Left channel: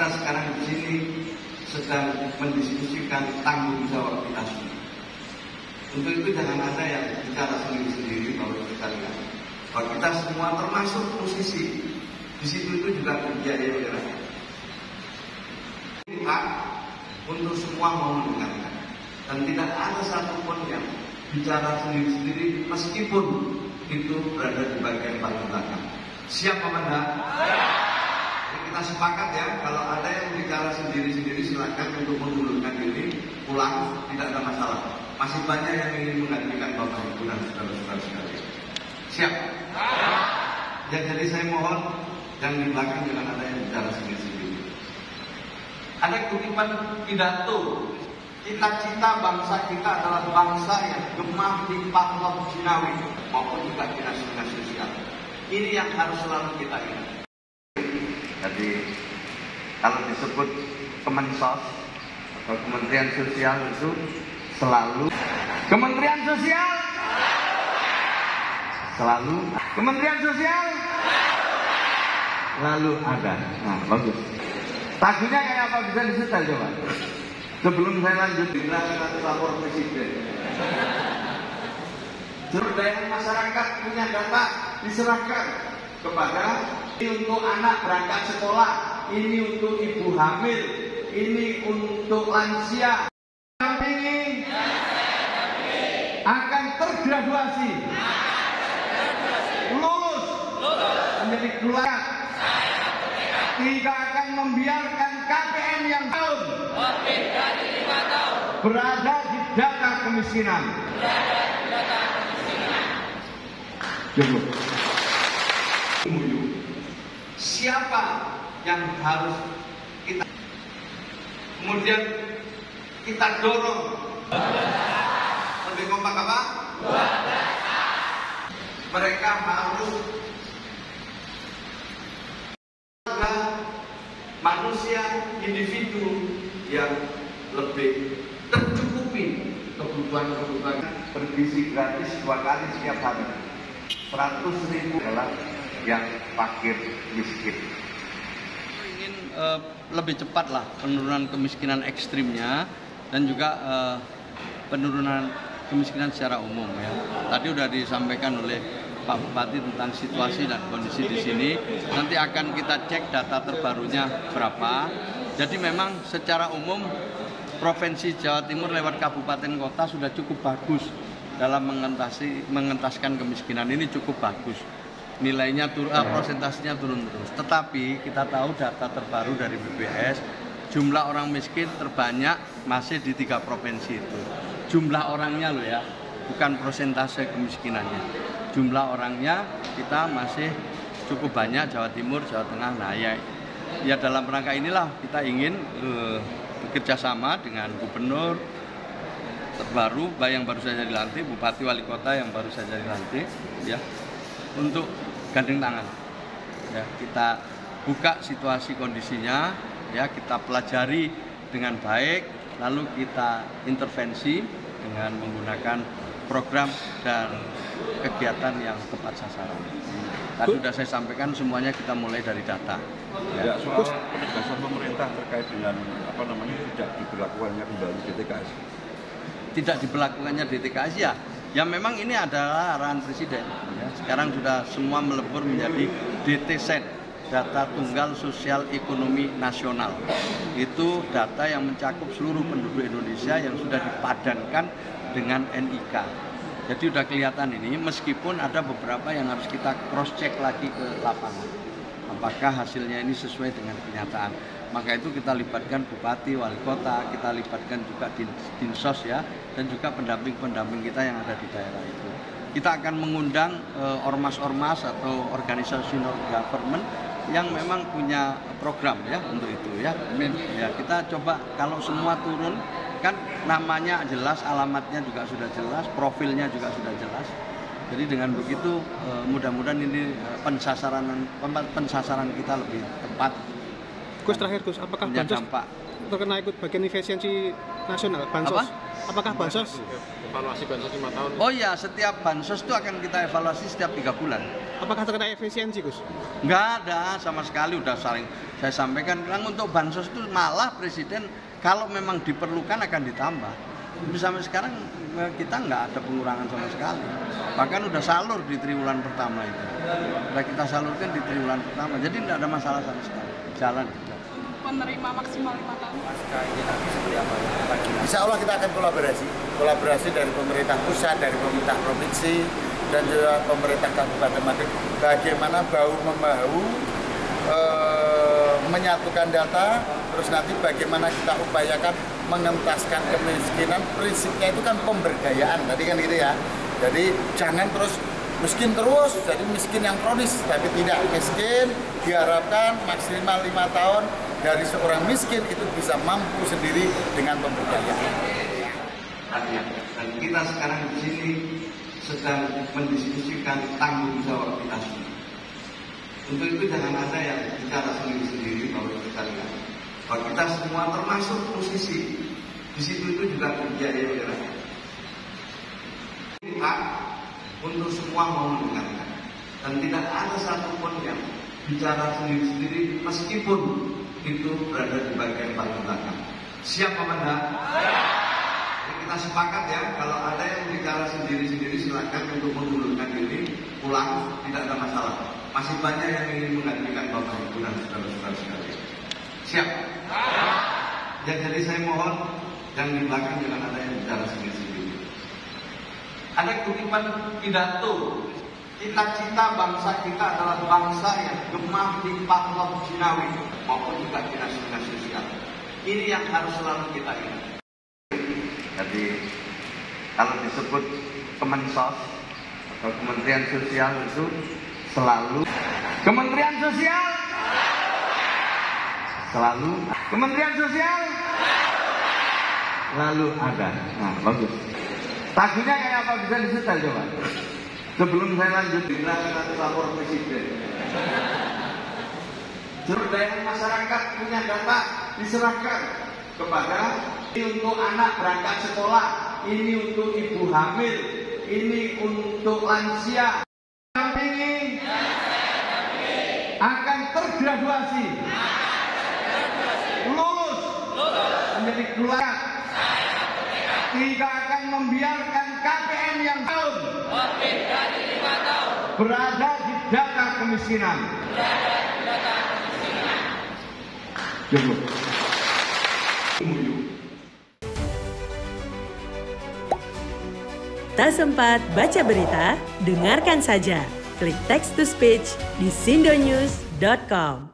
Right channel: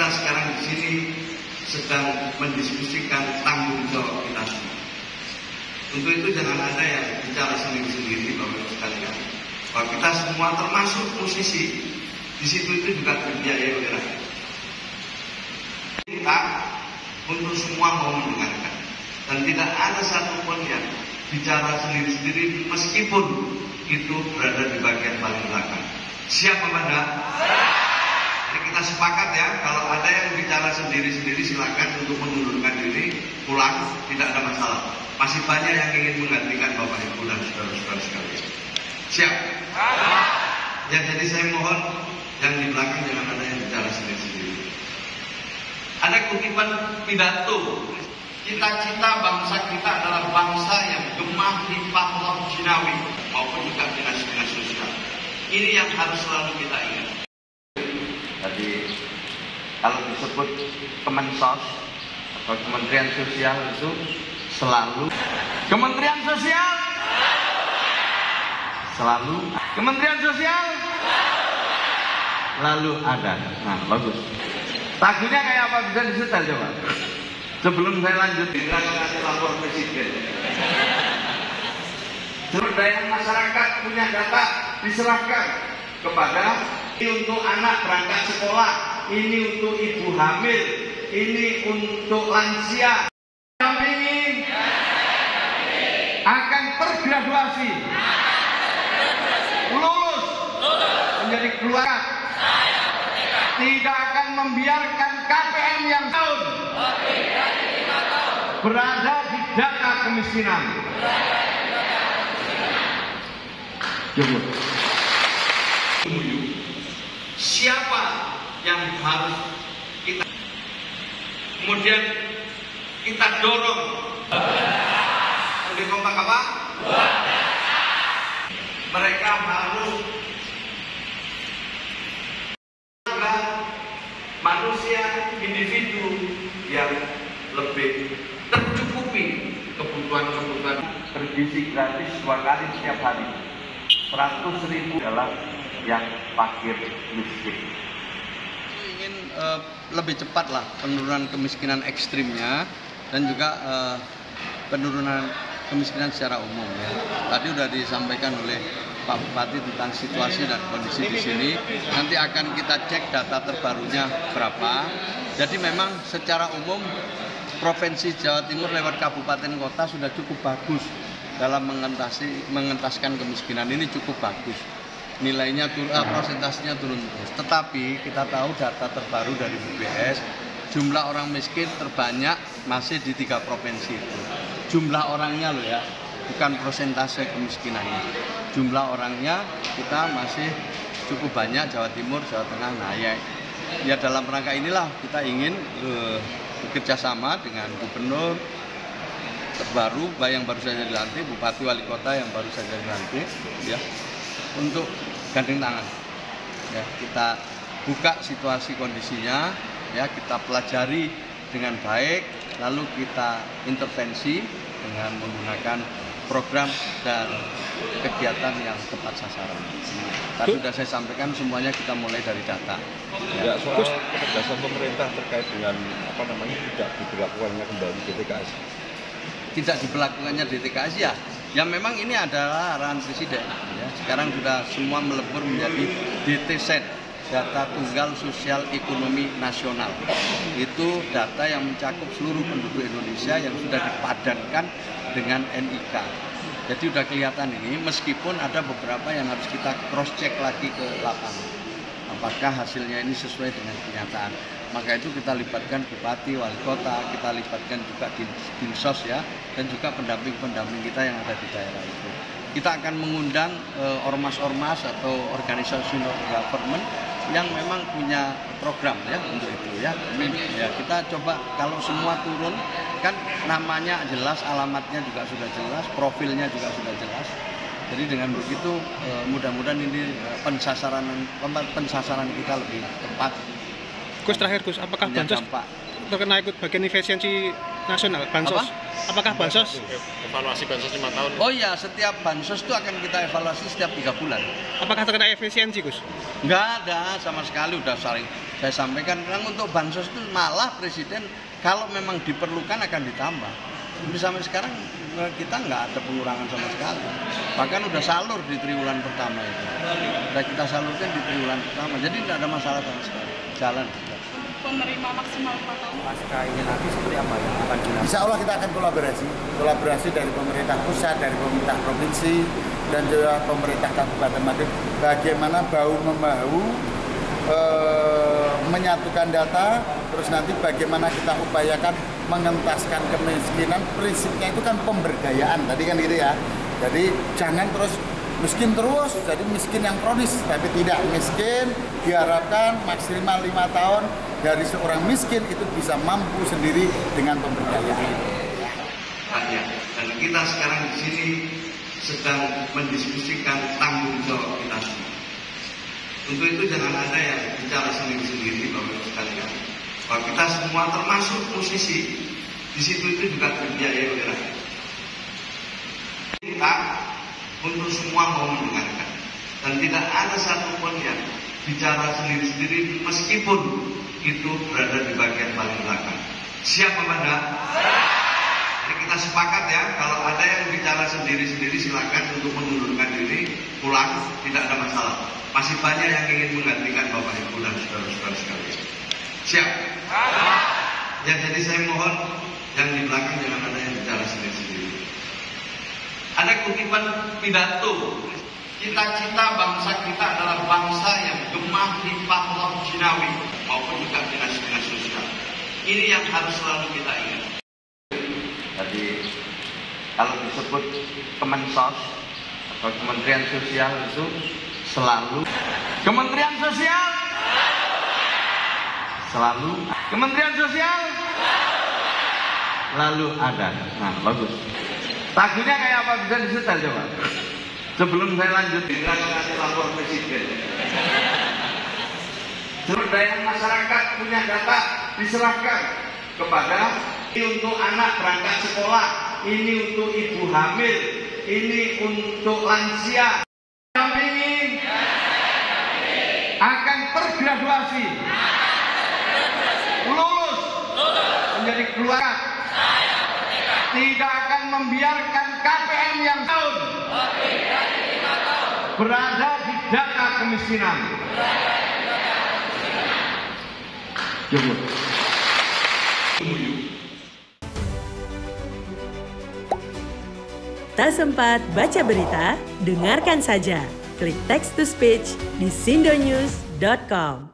kita sekarang di sini sedang mendiskusikan tanggung jawab kita semua. Untuk itu jangan ada yang bicara sendiri-sendiri, Bapak Ibu sekalian. Bahwa kita semua termasuk musisi, di situ itu juga dibiayai oleh rakyat. Kita untuk semua mau mendengarkan, dan tidak ada satupun yang bicara sendiri-sendiri meskipun itu berada di bagian paling belakang. Siap apa enggak? Jadi kita sepakat ya, kalau ada yang bicara sendiri-sendiri silakan untuk mengundurkan diri, pulang, tidak ada masalah. Masih banyak yang ingin menggantikan Bapak Ibu dan saudara-saudara sekalian. Siap? Ya, jadi saya mohon yang di belakang jangan ada yang bicara sendiri-sendiri. Ada kutipan pidato. Cita-cita bangsa kita adalah bangsa yang gemah di pahlawan jinawi maupun juga dinas-dinas sosial. Ini yang harus selalu kita ingat. Jadi kalau disebut Kemensos atau Kementerian Sosial itu selalu Kementerian Sosial, selalu Kementerian Sosial, lalu ada. Nah, bagus. Lagunya kayak apa, bisa disetel coba? Sebelum saya lanjut, dinasti lapor presiden. Sumber daya masyarakat punya data diserahkan kepada ini untuk anak berangkat sekolah, ini untuk ibu hamil, ini untuk lansia. Kami akan tergraduasi, lulus menjadi keluarga, tidak akan membiarkan KPM yang tahun berada di data kemiskinan. Siapa yang harus kita kemudian kita dorong lebih kompak apa? Mereka harus manusia individu yang lebih tercukupi kebutuhan-kebutuhan Bergizi gratis 2 kali setiap hari. 100.000 adalah yang fakir miskin. Ingin lebih cepat lah penurunan kemiskinan ekstrimnya dan juga penurunan kemiskinan secara umum ya. Tadi sudah disampaikan oleh Pak Bupati tentang situasi dan kondisi di sini. Nanti akan kita cek data terbarunya berapa. Jadi memang secara umum Provinsi Jawa Timur lewat kabupaten kota sudah cukup bagus dalam mengentaskan kemiskinan. Ini cukup bagus. Nilainya persentasenya turun terus. Tetapi kita tahu data terbaru dari BPS, jumlah orang miskin terbanyak masih di 3 provinsi itu. Jumlah orangnya loh ya, bukan persentase kemiskinannya. Jumlah orangnya kita masih cukup banyak, Jawa Timur, Jawa Tengah. Nah ya dalam rangka inilah kita ingin bekerja sama dengan gubernur terbaru yang baru saja dilantik, bupati wali kota yang baru saja dilantik ya, untuk gandeng tangan ya, kita buka situasi kondisinya ya, kita pelajari dengan baik, lalu kita intervensi dengan menggunakan program dan kegiatan yang tepat sasaran. Tadi sudah saya sampaikan semuanya kita mulai dari data. Ya, soal ketegasan pemerintah terkait dengan tidak diberlakukannya kembali DTKS. Tidak diberlakukannya DTKS ya memang ini adalah arahan presiden. Ya. Sekarang sudah semua melebur menjadi DTSEN, data tunggal sosial ekonomi nasional. Itu data yang mencakup seluruh penduduk Indonesia yang sudah dipadankan dengan NIK. Jadi sudah kelihatan ini, meskipun ada beberapa yang harus kita cross check lagi ke lapangan. Apakah hasilnya ini sesuai dengan kenyataan? Maka itu kita libatkan bupati, wali kota, kita libatkan juga dinsos ya, dan juga pendamping-pendamping kita yang ada di daerah itu. Kita akan mengundang ormas-ormas atau organisasi non-government yang memang punya program ya untuk itu ya. Ya kita coba kalau semua turun kan namanya jelas, alamatnya juga sudah jelas, profilnya juga sudah jelas. Jadi dengan begitu mudah-mudahan ini pensasaran kita lebih tepat. Gus, terakhir Gus, apakah bansos terkena ikut bagian efisiensi nasional bansos? Apakah bansos Evaluasi bansos 5 tahun? Oh iya, setiap bansos itu akan kita evaluasi setiap 3 bulan. Apakah terkena efisiensi Gus? Enggak ada sama sekali, udah saya sampaikan, untuk bansos itu malah Presiden kalau memang diperlukan akan ditambah. Tapi sampai sekarang kita nggak ada pengurangan sama sekali. Bahkan udah salur di triwulan pertama itu. Udah kita salurkan di triwulan pertama. Jadi tidak ada masalah sama sekali. Jalan. Penerima maksimal 5 tahun. Pasca ini nanti seperti apa? Insya Allah kita akan kolaborasi dari pemerintah pusat, dari pemerintah provinsi, dan juga pemerintah Kabupaten Madiun. Bagaimana bahu-membahu menyatukan data, terus nanti bagaimana kita upayakan mengentaskan kemiskinan. Prinsipnya itu kan pemberdayaan, tadi kan gitu ya. Jadi jangan terus miskin terus, jadi miskin yang kronis, tapi tidak. Miskin diharapkan maksimal 5 tahun dari seorang miskin itu bisa mampu sendiri dengan pemberdayaan. Dan kita sekarang di sini sedang mendiskusikan tanggung jawab kita semua. Untuk itu jangan ada yang bicara sendiri-sendiri, Bapak-Ibu sekalian. Kalau kita semua termasuk musisi, di situ itu juga terbiayai oleh rakyat. Kita untuk semua mau mendengarkan, dan tidak ada satupun yang bicara sendiri-sendiri meskipun itu berada di bagian paling belakang. Siap Amanda? Jadi kita sepakat ya, kalau ada yang bicara sendiri-sendiri silakan untuk mengundurkan diri, pulang, tidak ada masalah. Masih banyak yang ingin menggantikan Bapak Ibu dan saudara-saudara sekalian. Siap? Ya, jadi saya mohon yang di belakang jangan ada yang bicara sendiri-sendiri. Ada kutipan pidato, cita-cita bangsa kita adalah bangsa yang gemah limpah roh jinawi maupun juga dinas-dinas sosial. Ini yang harus selalu kita ingat. Jadi kalau disebut Kemensos atau Kementerian Sosial itu selalu Kementerian Sosial, selalu Kementerian Sosial, selalu ada. Nah, bagus. Lagunya kayak apa, bisa disetel coba? Sebelum saya lanjut, Nanti lapor Presiden. Sumber daya masyarakat punya data diserahkan kepada ini untuk anak berangkat sekolah, ini untuk ibu hamil, ini untuk lansia. Kami akan tergraduasi, lulus menjadi keluarga. Tidak akan membiarkan KPM yang tahun berada di data kemiskinan. Tak sempat baca berita? Dengarkan saja. Klik text to speech di sindonews.com.